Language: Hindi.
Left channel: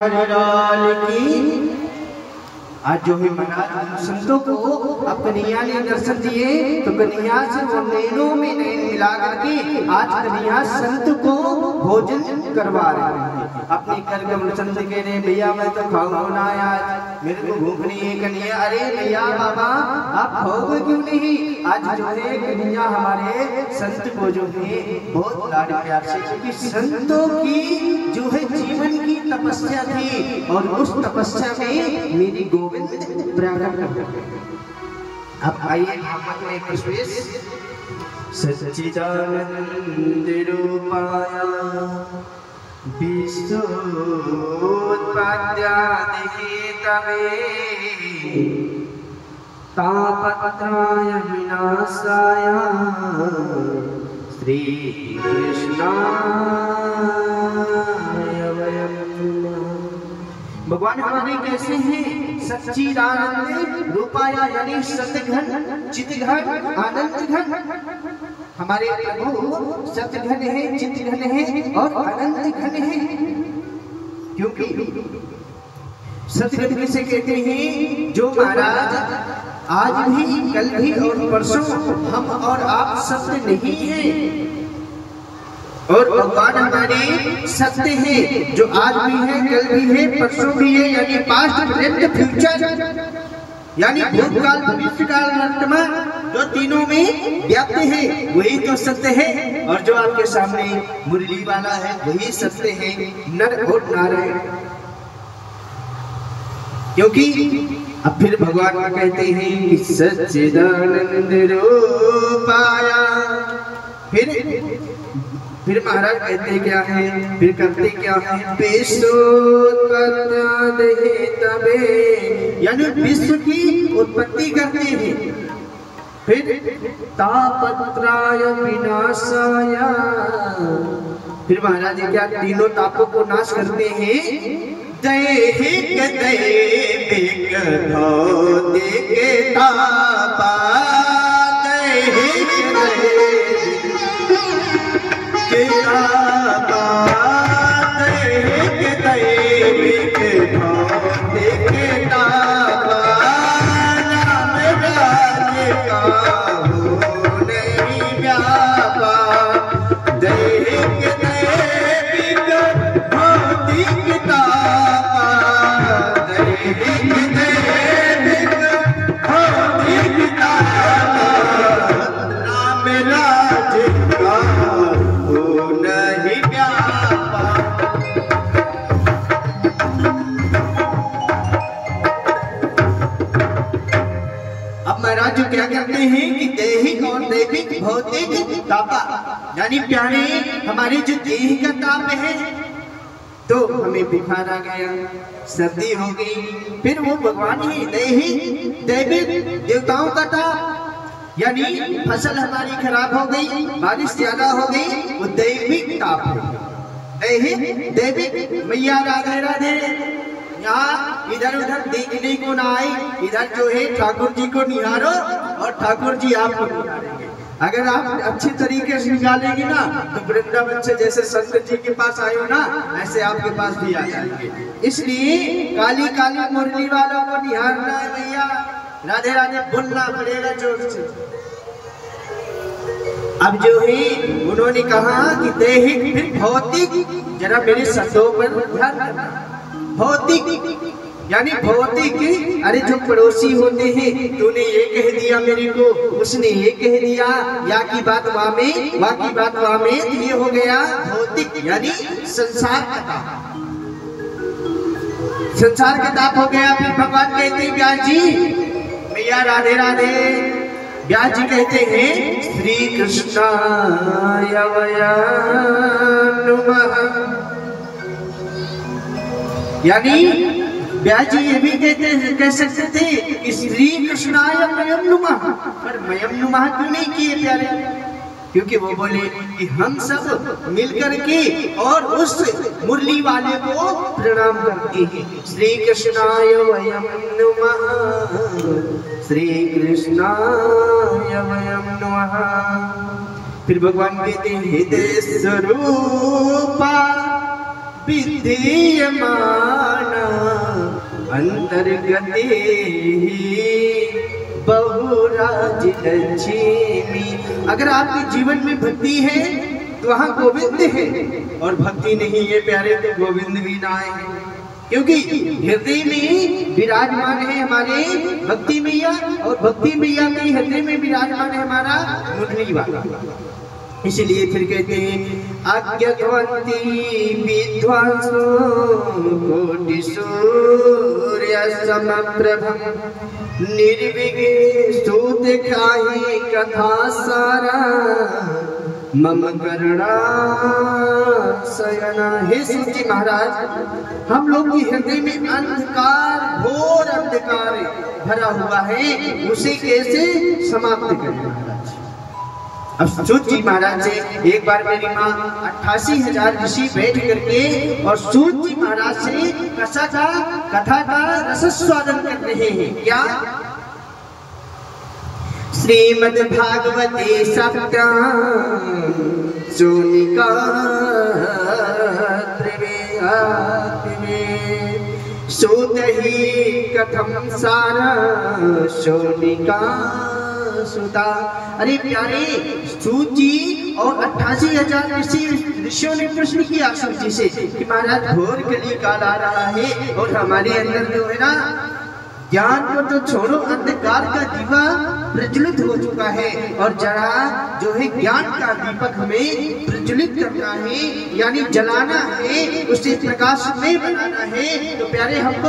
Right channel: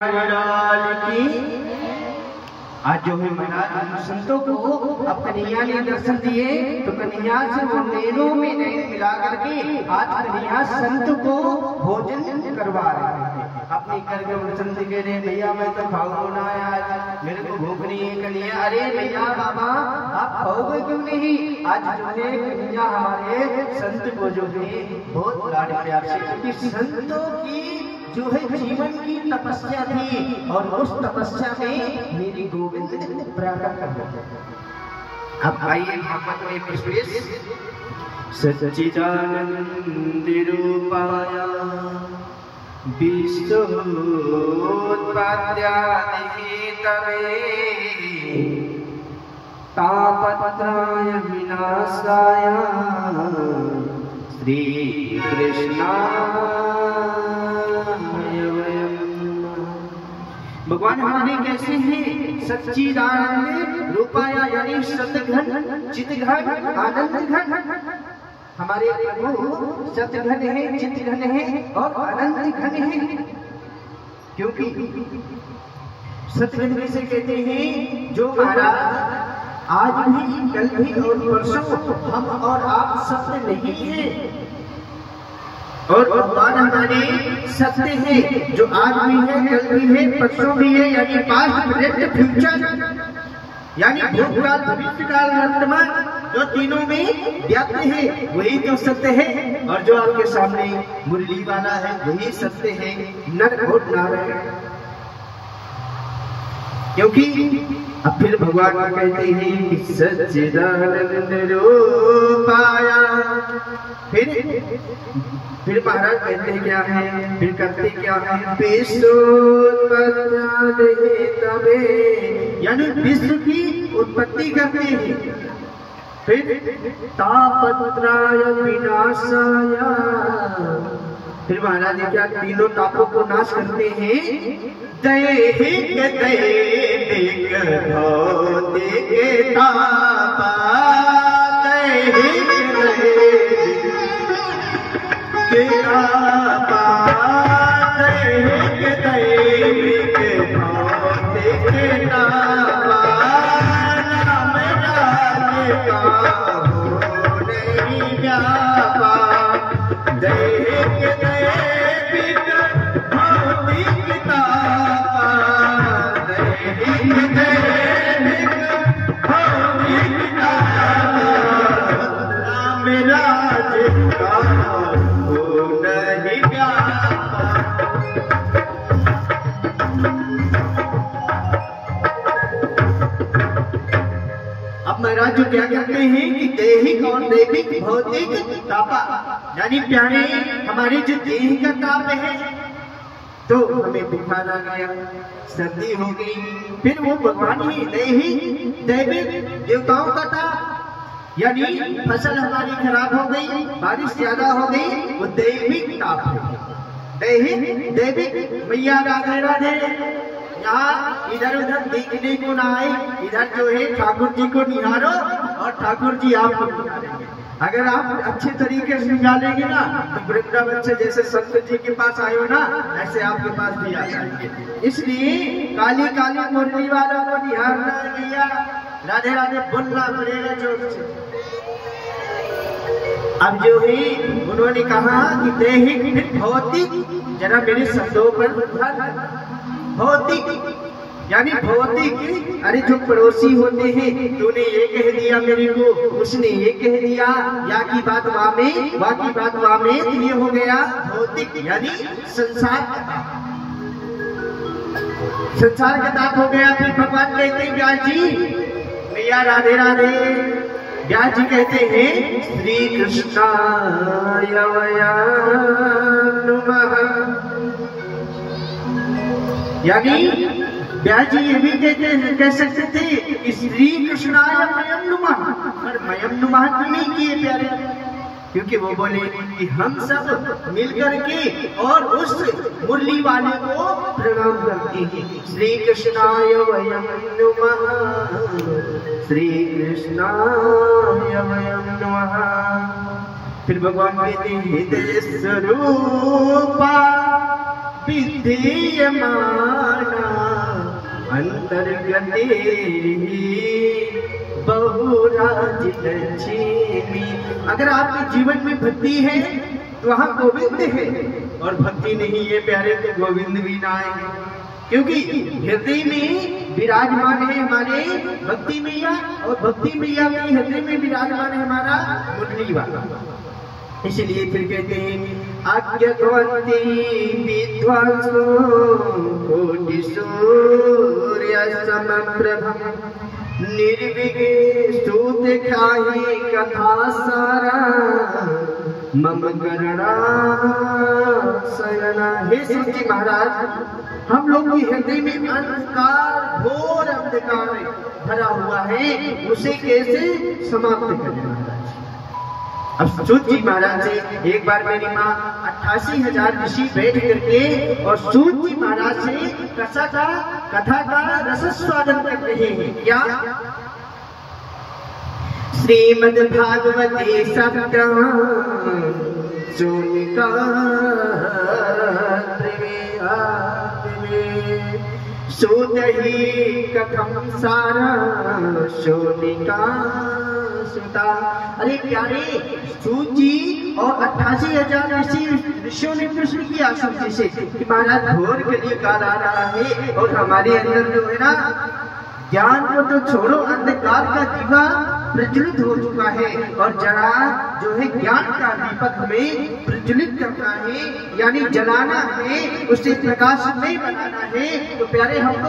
लाल की आज जो है महाराज संतों को अब कन्हैया ने दर्शन दिए तो कन्हैया से वो नैनों में नैन मिला करके आज कन्हैया संत को भोजन करवा रहे हैं। अपने घर के संत कह रहे भैया मैं तो खाऊंगा ना आज, मेरे को भूख नहीं है। कन्हैया अरे भैया बाबा आप खाओगे क्यों नहीं? आज जो है कन्हैया हमारे संत को जो है बहुत लाड प्यार से, क्योंकि संतों की जो है जीवन की तपस्या थी और उस तपस्या में मेरी गोविंद प्रकट कर। अब आइए हम अपने पुष्पेश सच्चिदानंद रूपाय विश्वोत्पत्त्यादिहेतवे तापत्राय विनाशाय श्री कृष्णाय भगवान हमारे कैसे हैं? सच्चिदानंद रूपाय यानी सतघन चितघन आनंद घन। हमारे प्रभु सतघन है, चितघन है और आनंद घन है। क्योंकि सतघन किसे कहते हैं? जो महाराज आज भी कल भी और परसों हम और आप सत्य नहीं है, और भगवान हमारे सत्य है जो आज भी है, कल भी है, परसों भी है, यानी पास्ट प्रेजेंट फ्यूचर, यानी भूतकाल भविष्यकाल वर्तमान, जो तीनों में व्याप्त है वही तो सत्य है। और जो आपके सामने मुरली वाला है वही सत्य है, नर और नारायण। क्योंकि अब फिर भगवान कहते हैं कि सच्चिदानंद रूपाय, फिर महाराज कहते क्या है, फिर करते क्या है? विश्वोत्पत्त्यादिहेतवे यानी विश्व की उत्पत्ति करते हैं। फिर तापत्राय विनाशाय, फिर महाराज क्या तीनों तापों को नाश करते हैं। दैहिक दैविक भौतिक तापा, दैहिक दैविक दैविक भौतिक तापा, राम राज का हो नहीं व्यापा। दैहिक दैविक भौतिक तापा, दैहिक दैविक भौतिक तापा, राम राज का हो नहीं व्यापा। अब महाराज जो क्या कहते हैं कि दैहिक और दैविक भौतिक तापा, यानी प्यारे हमारी जो देह का ताप है, तो हमें बुखार आ गया, सर्दी हो गई, फिर वो भगवान ही दैहिक दैविक देवताओं का ताप, यानी फसल हमारी खराब हो गई, बारिश ज्यादा हो गई, वो दैविक ताप है। दैहिक दैविक मैया राधे राधे, यहाँ इधर उधर देखने को ना आए, इधर जो है ठाकुर जी को निहारो और ठाकुर जी आपको निहारेंगे। अगर आप अच्छे तरीके से निकालेंगे ना तो वृंदावन से जैसे संत जी के पास आए हो ना, ऐसे आपके पास भी आ जाएंगे। इसलिए काली काली मुरली वालों को निहारना है भैया, राधे राधे बोलना पड़ेगा जोर से। अब जो है उन्होंने कहा कि दैहिक फिर भौतिक, जरा मेरे शब्दों पर ध्यान देना। भौतिक यानी भौतिक, अरे जो पड़ोसी होते हैं, तूने ये कह दिया मेरे को, उसने ये कह दिया, या की बात वहां में, वहां की बात वहां में, तो ये हो गया भौतिक यानी संसार का ताप, संसार का ताप हो गया। फिर भगवान कहते हैं व्यास जी, मैया राधे राधे, व्यास जी कहते हैं श्री कृष्णाय नमः, यानी व्यास जी ये भी कह सकते थे कि श्री कृष्णाय मयम नुमः, पर मयम नुमः क्यों नहीं किए प्यारे? क्योंकि वो बोले कि हम सब मिलकर के और उस मुरली वाले को प्रणाम करते हैं। श्री कृष्णाय वयम नुमः, श्री कृष्णाय वयम नुमः। फिर भगवान कहते हैं हृदय स्वरूपा विद्यमान बहुराज लक्ष्मी। अगर आपके जीवन में भक्ति है तो वहाँ गोविंद है, और भक्ति नहीं है प्यारे तो गोविंद भी ना है, क्योंकि हृदय में विराजमान है हमारे भक्ति मैया, और भक्ति मैया के हृदय में विराजमान है हमारा मुरली वाला। इसलिए फिर कहते हैं अज्ञातवती विद्वांसो कोटि सूर्य समप्रभं निर्विघ्नेषु दिखाहि कथा सारा मम करुणा शरणा। हे सूत जी महाराज, हम लोग के हृदय में अंधकार, घोर अंधकार भरा हुआ है, उसे कैसे समाप्त करें महाराज। अब सूत जी महाराज से एक बार मेरी माँ 88,000 ऋषि बैठ करके और सूत जी महाराज से कथा का रसस्वादन कर रहे हैं। क्या? श्रीमद् भागवते सप्तम सोनिका सूत ही कथम सारा सोनिका सुता। अरे प्यारे सूत जी और 88,000 ऋषियों ने प्रश्न किया सूत जी से कि महाराज घोर कलिकाल आ रहा है और हमारे अंदर जो है ना ज्ञान को तो छोड़ो, अंधकार का दीवा प्रज्वलित हो चुका है, और जरा जो है ज्ञान का दीपक हमें प्रज्वलित करना है, यानी जलाना है, उसे प्रकाश में बनाना है। तो प्यारे हमको